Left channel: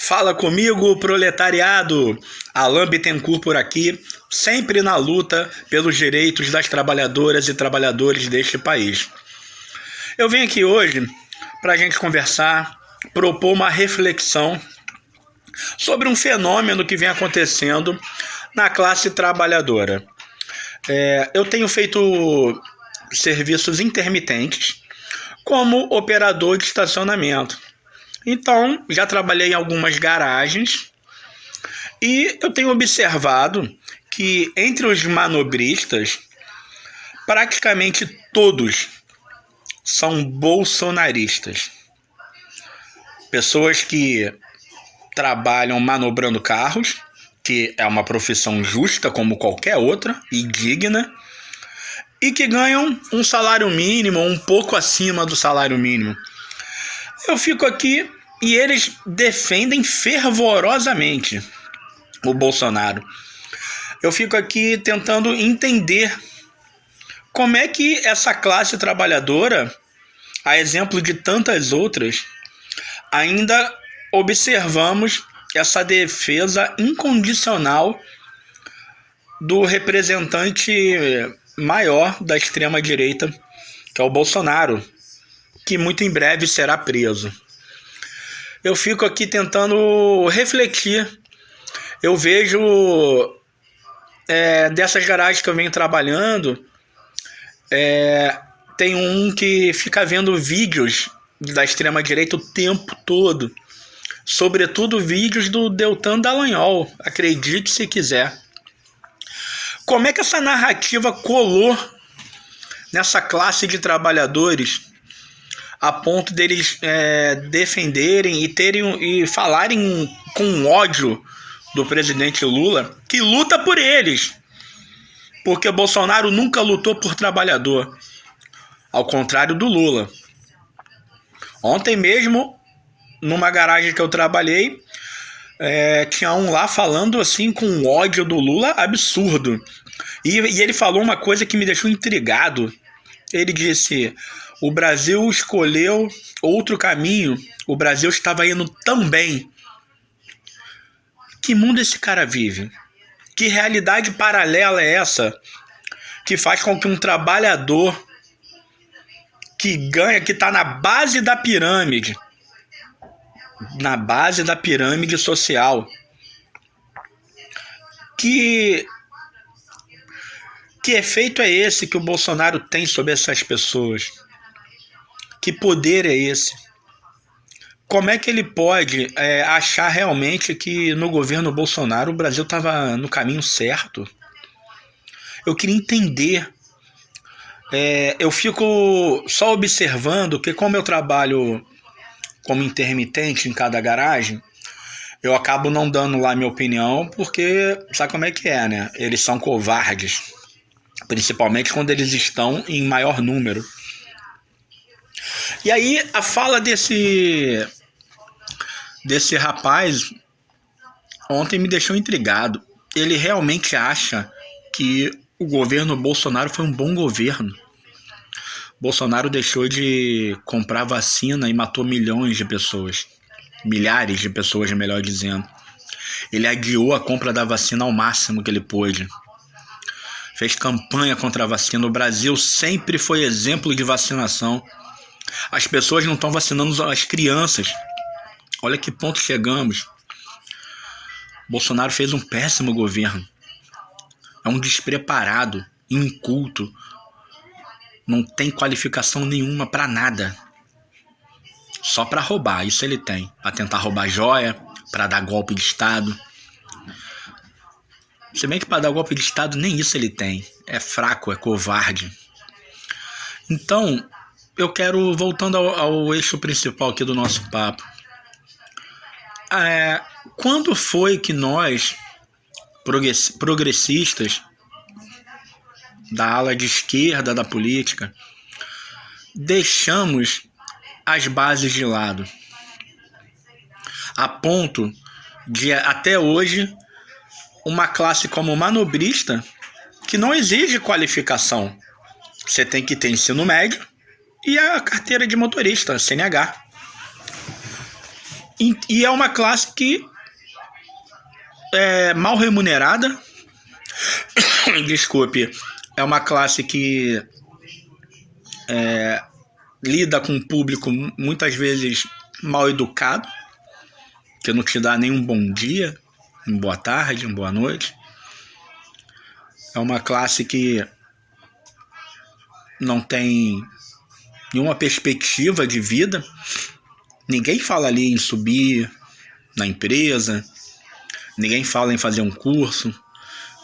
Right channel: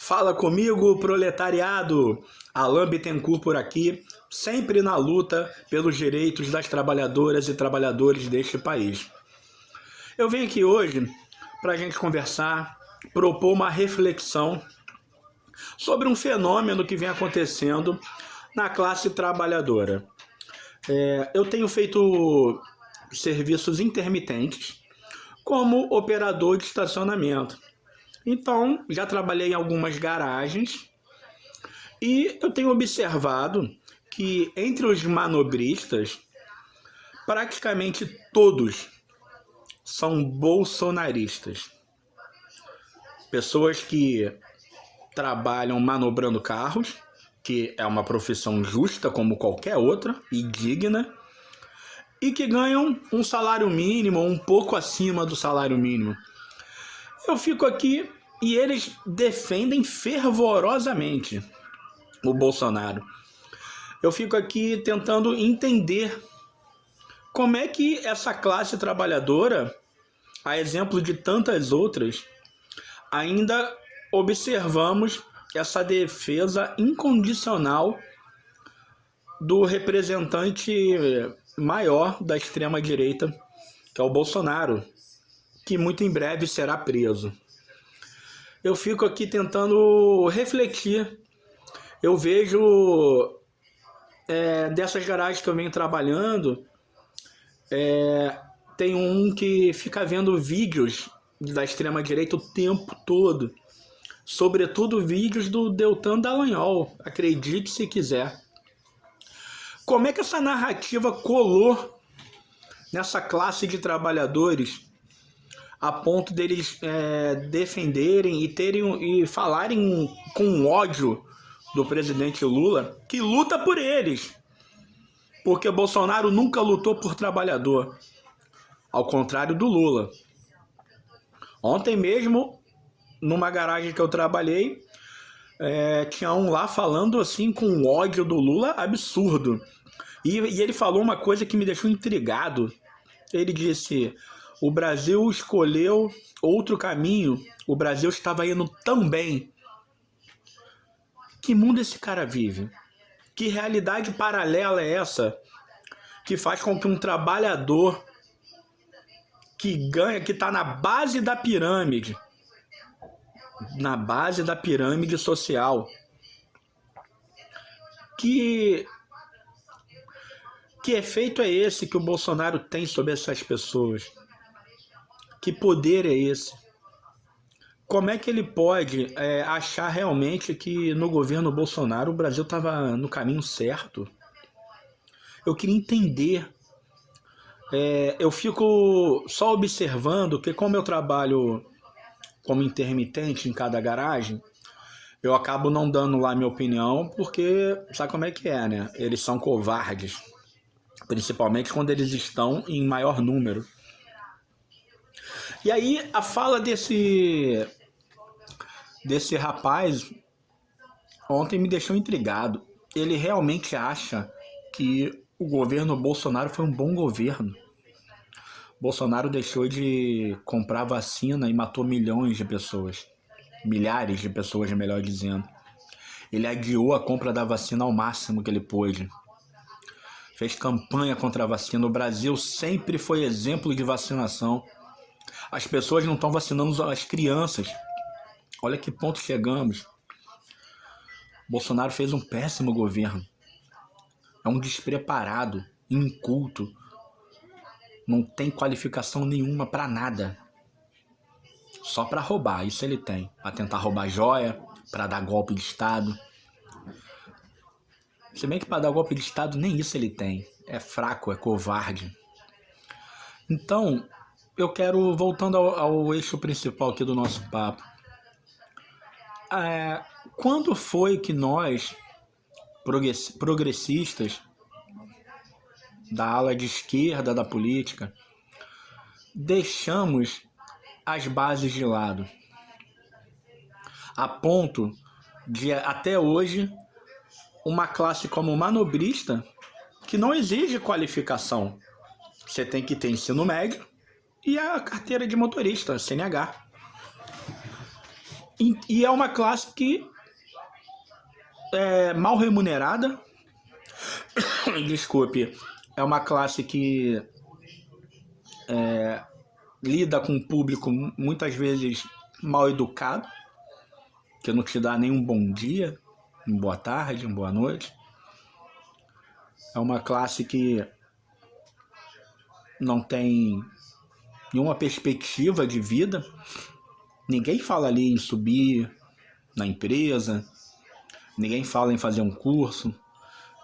Fala comigo, proletariado! Alain Bittencourt por aqui, sempre na luta pelos direitos das trabalhadoras e trabalhadores deste país. Eu venho aqui hoje para a gente conversar, propor uma reflexão sobre um fenômeno que vem acontecendo na classe trabalhadora. Eu tenho feito serviços intermitentes como operador de estacionamento. Então, já trabalhei em algumas garagens e eu tenho observado que entre os manobristas, praticamente todos são bolsonaristas. Pessoas que trabalham manobrando carros, que é uma profissão justa como qualquer outra e digna, e que ganham um salário mínimo, um pouco acima do salário mínimo. Eu fico aqui e eles defendem fervorosamente o Bolsonaro. Eu fico aqui tentando entender como é que essa classe trabalhadora, a exemplo de tantas outras, ainda observamos essa defesa incondicional do representante maior da extrema-direita, que é o Bolsonaro, que muito em breve será preso. Eu fico aqui tentando refletir. Eu vejo dessas garagens que eu venho trabalhando, tem um que fica vendo vídeos da extrema-direita o tempo todo. Sobretudo vídeos do Deltan Dallagnol, acredite se quiser. Como é que essa narrativa colou nessa classe de trabalhadores a ponto deles defenderem e falarem com ódio do presidente Lula, que luta por eles, porque Bolsonaro nunca lutou por trabalhador, ao contrário do Lula. Ontem mesmo, numa garagem que eu trabalhei, tinha um lá falando assim com ódio do Lula absurdo, e ele falou uma coisa que me deixou intrigado. Ele disse: o Brasil escolheu outro caminho, o Brasil estava indo tão bem. Que mundo esse cara vive? Que realidade paralela é essa que faz com que um trabalhador que ganha, que está na base da pirâmide social, que efeito é esse que o Bolsonaro tem sobre essas pessoas? Que poder é esse? Como é que ele pode achar realmente que no governo Bolsonaro o Brasil estava no caminho certo? Eu queria entender. Eu fico só observando que, como eu trabalho como intermitente em cada garagem, eu acabo não dando lá minha opinião, porque sabe como é que é, né? Eles são covardes, principalmente quando eles estão em maior número. E aí a fala desse rapaz ontem me deixou intrigado. Ele realmente acha que o governo Bolsonaro foi um bom governo. Bolsonaro deixou de comprar vacina e matou milhões de pessoas. Milhares de pessoas, melhor dizendo. Ele adiou a compra da vacina ao máximo que ele pôde. Fez campanha contra a vacina. O Brasil sempre foi exemplo de vacinação. As pessoas não estão vacinando as crianças. Olha que ponto chegamos. Bolsonaro fez um péssimo governo. É um despreparado, inculto. Não tem qualificação nenhuma para nada. Só para roubar, isso ele tem. Para tentar roubar joia, para dar golpe de Estado. Se bem que para dar golpe de Estado nem isso ele tem. É fraco, é covarde. Então, eu quero, voltando ao eixo principal aqui do nosso papo. Quando foi que nós, progressistas, da ala de esquerda da política, deixamos as bases de lado, a ponto de, até hoje, uma classe como manobrista, que não exige qualificação. Você tem que ter ensino médio e a carteira de motorista, CNH. E é uma classe que é mal remunerada. Desculpe. É uma classe que lida com um público muitas vezes mal educado, que não te dá nem um bom dia, uma boa tarde, uma boa noite. É uma classe que não tem nenhuma perspectiva de vida. Ninguém fala ali em subir na empresa, ninguém fala em fazer um curso,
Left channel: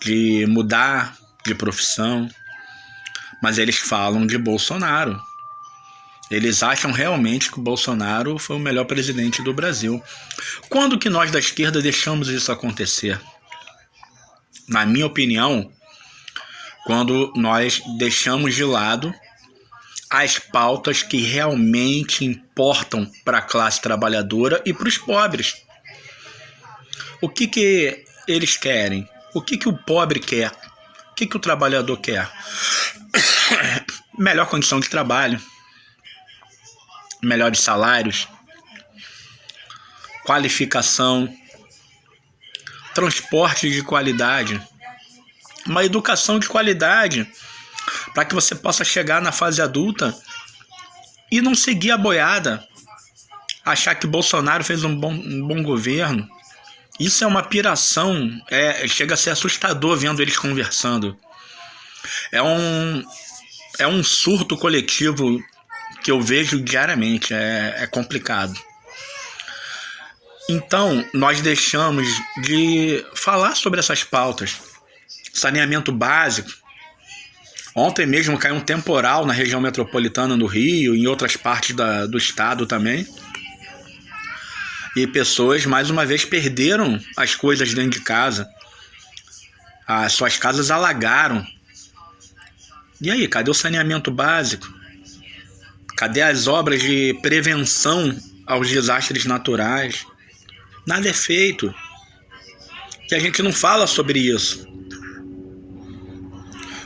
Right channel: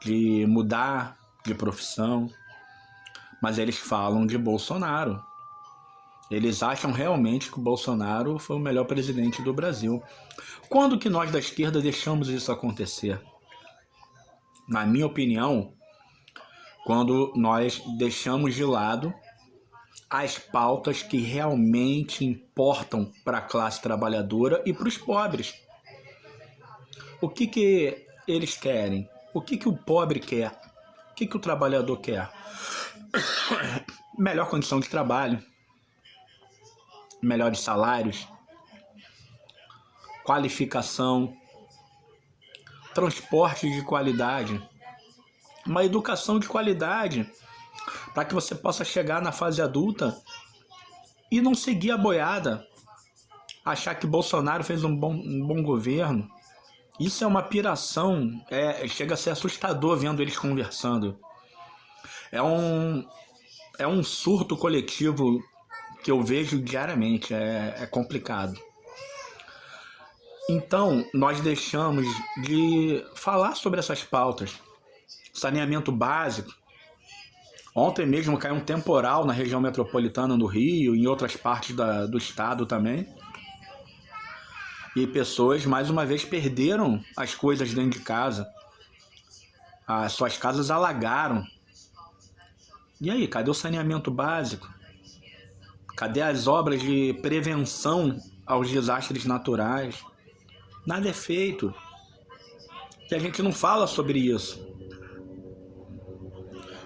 de mudar de profissão, mas eles falam de Bolsonaro. Eles acham realmente que o Bolsonaro foi o melhor presidente do Brasil. Quando que nós da esquerda deixamos isso acontecer? Na minha opinião, quando nós deixamos de lado as pautas que realmente importam para a classe trabalhadora e para os pobres. O que eles querem? O que o pobre quer? O que o trabalhador quer? Melhor condição de trabalho, melhores salários, qualificação, transporte de qualidade, uma educação de qualidade, para que você possa chegar na fase adulta e não seguir a boiada, achar que Bolsonaro fez um bom governo. Isso é uma piração, chega a ser assustador vendo eles conversando. É um surto coletivo que eu vejo diariamente, é complicado. Então, nós deixamos de falar sobre essas pautas. Saneamento básico. Ontem mesmo caiu um temporal na região metropolitana do Rio e em outras partes do estado também. E pessoas, mais uma vez, perderam as coisas dentro de casa. As suas casas alagaram. E aí, cadê o saneamento básico? Cadê as obras de prevenção aos desastres naturais? Nada é feito. E a gente não fala sobre isso.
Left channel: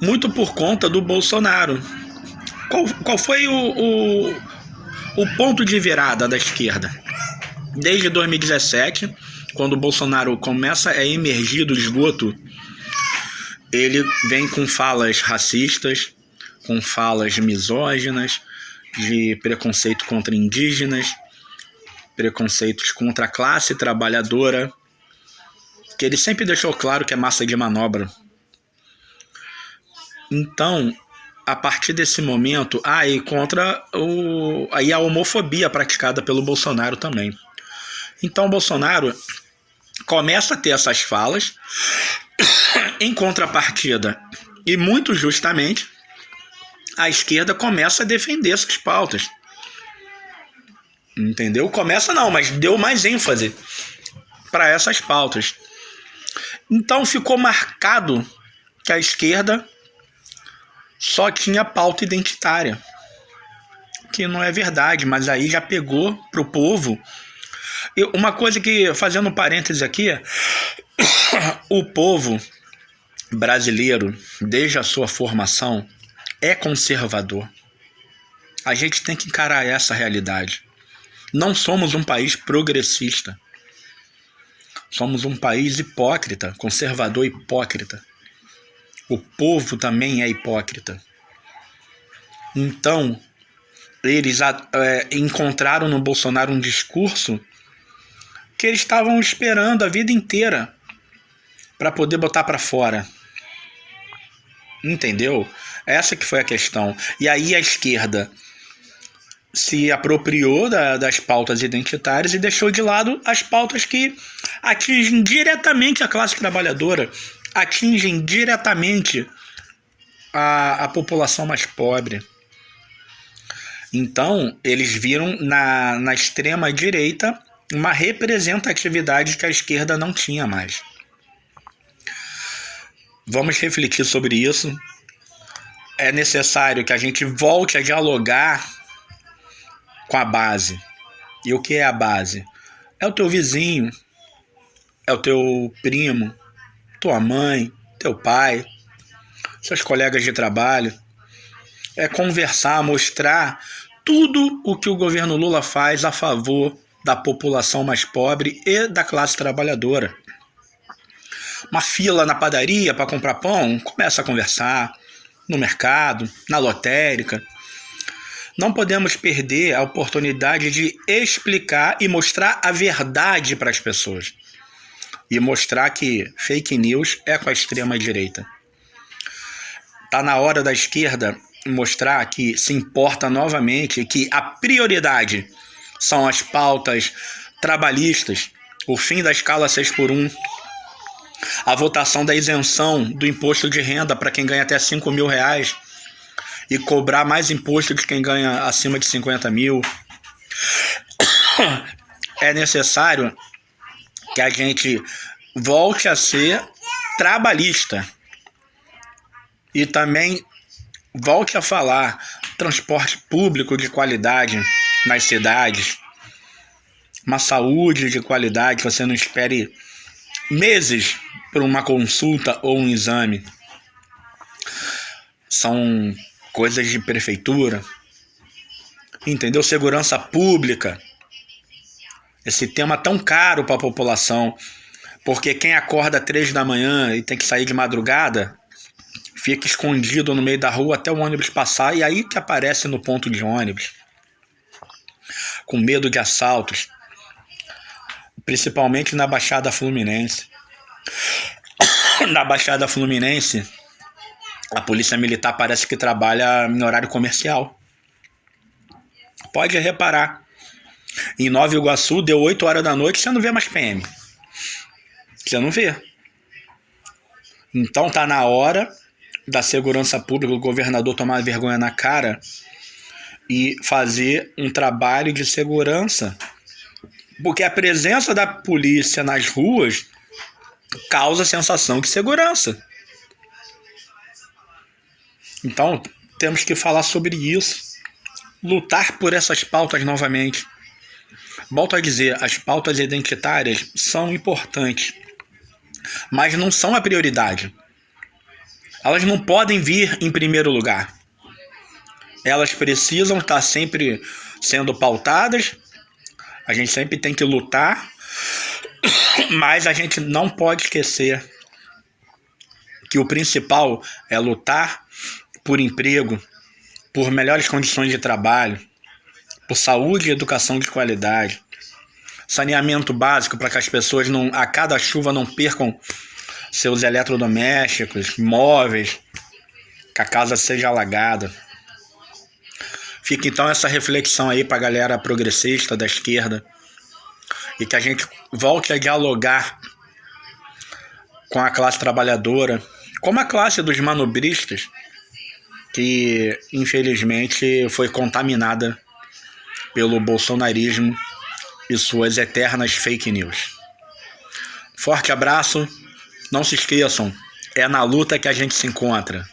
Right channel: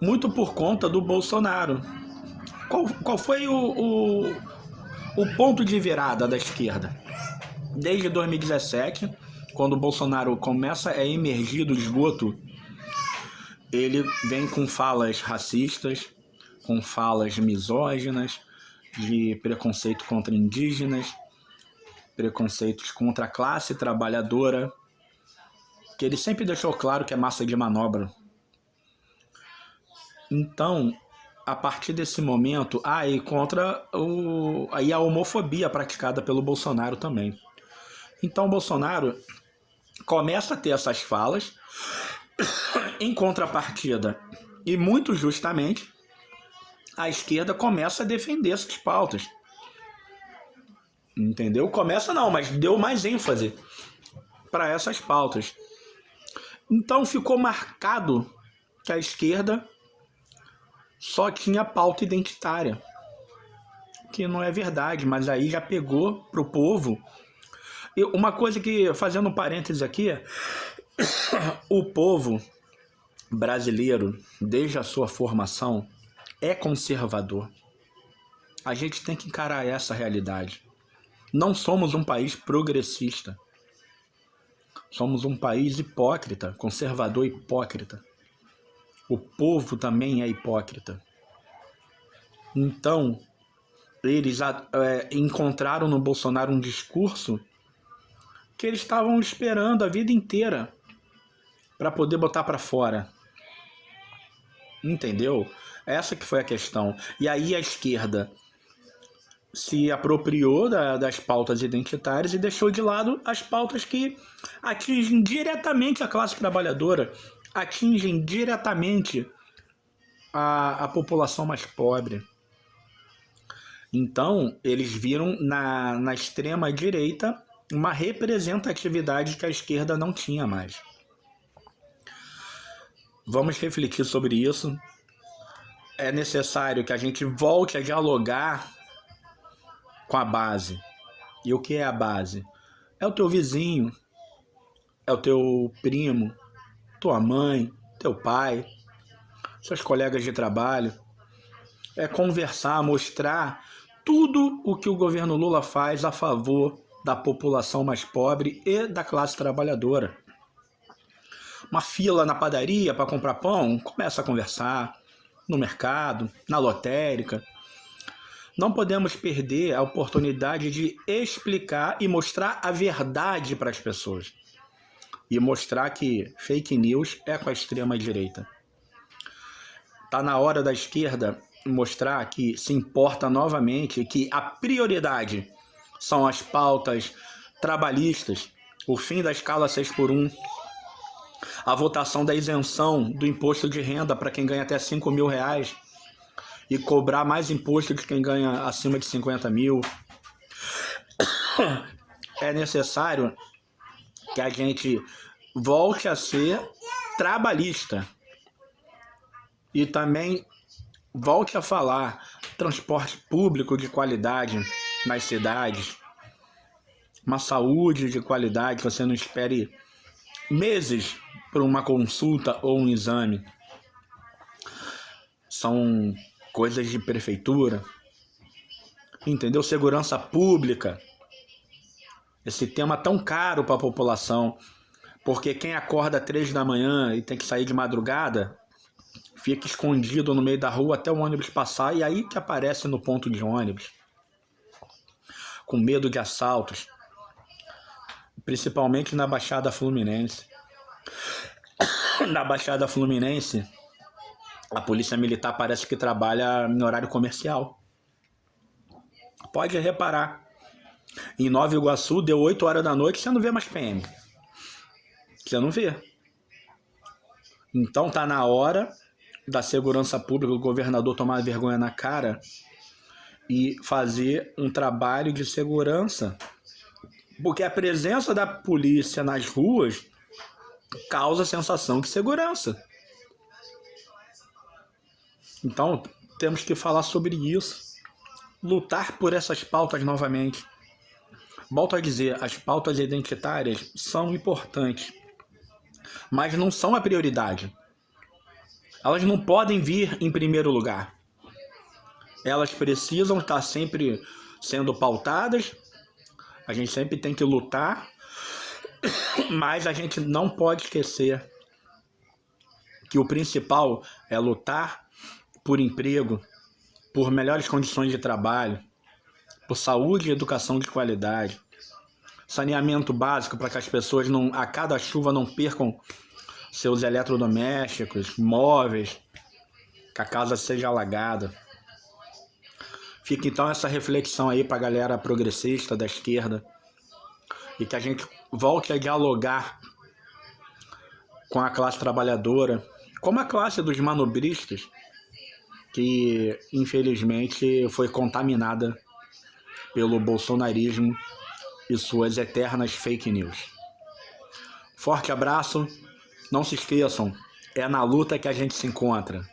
Muito por conta do Bolsonaro. Qual foi o ponto de virada da esquerda? Desde 2017, quando o Bolsonaro começa a emergir do esgoto, ele vem com falas racistas, com falas misóginas, de preconceito contra indígenas, preconceitos contra a classe trabalhadora, que ele sempre deixou claro que é massa de manobra. Então, a partir desse momento, e contra a homofobia praticada pelo Bolsonaro também. Então, o Bolsonaro começa a ter essas falas, em contrapartida, e muito justamente, a esquerda começa a defender essas pautas. Entendeu? Começa não, mas deu mais ênfase para essas pautas. Então, ficou marcado que a esquerda só tinha pauta identitária, que não é verdade, mas aí já pegou pro povo. Uma coisa que, fazendo um parêntese aqui, o povo brasileiro, desde a sua formação, é conservador. A gente tem que encarar essa realidade. Não somos um país progressista. Somos um país hipócrita, conservador hipócrita. O povo também é hipócrita. Então, eles encontraram no Bolsonaro um discurso que eles estavam esperando a vida inteira para poder botar para fora. Entendeu? Essa que foi a questão. E aí a esquerda se apropriou das pautas identitárias e deixou de lado as pautas que atingem diretamente a classe trabalhadora, atingem diretamente a população mais pobre. Então, eles viram na extrema-direita uma representatividade que a esquerda não tinha mais. Vamos refletir sobre isso. É necessário que a gente volte a dialogar com a base. E o que é a base? É o teu vizinho, é o teu primo, tua mãe, teu pai, seus colegas de trabalho. É conversar, mostrar tudo o que o governo Lula faz a favor da população mais pobre e da classe trabalhadora. Uma fila na padaria para comprar pão, começa a conversar, no mercado, na lotérica. Não podemos perder a oportunidade de explicar e mostrar a verdade para as pessoas. E mostrar que fake news é com a extrema-direita. Está na hora da esquerda mostrar que se importa novamente, que a prioridade são as pautas trabalhistas, o fim da escala 6x1, a votação da isenção do imposto de renda para quem ganha até R$5.000 e cobrar mais imposto de quem ganha acima de 50 mil. É necessário que a gente volte a ser trabalhista e também volte a falar transporte público de qualidade nas cidades, uma saúde de qualidade, que você não espere meses por uma consulta ou um exame. São coisas de prefeitura, entendeu? Segurança pública, esse tema tão caro para a população, porque quem acorda 3 da manhã e tem que sair de madrugada, fica escondido no meio da rua até o ônibus passar, e aí que aparece no ponto de ônibus, com medo de assaltos, principalmente na Baixada Fluminense. Na Baixada Fluminense, a polícia militar parece que trabalha em horário comercial. Pode reparar. Em Nova Iguaçu, deu 8 horas da noite, você não vê mais PM. Você não vê. Então tá na hora da segurança pública, o governador tomar vergonha na cara e fazer um trabalho de segurança. Porque a presença da polícia nas ruas causa sensação de segurança. Então, temos que falar sobre isso. Lutar por essas pautas novamente. Volto a dizer, as pautas identitárias são importantes, mas não são a prioridade. Elas não podem vir em primeiro lugar. Elas precisam estar sempre sendo pautadas. A gente sempre tem que lutar, mas a gente não pode esquecer que o principal é lutar por emprego, por melhores condições de trabalho, por saúde e educação de qualidade, saneamento básico para que as pessoas a cada chuva não percam seus eletrodomésticos, móveis, que a casa seja alagada. Fica então essa reflexão aí para a galera progressista da esquerda, e que a gente volte a dialogar com a classe trabalhadora, como a classe dos manobristas, que infelizmente foi contaminada pelo bolsonarismo e suas eternas fake news. Forte abraço, não se esqueçam, é na luta que a gente se encontra.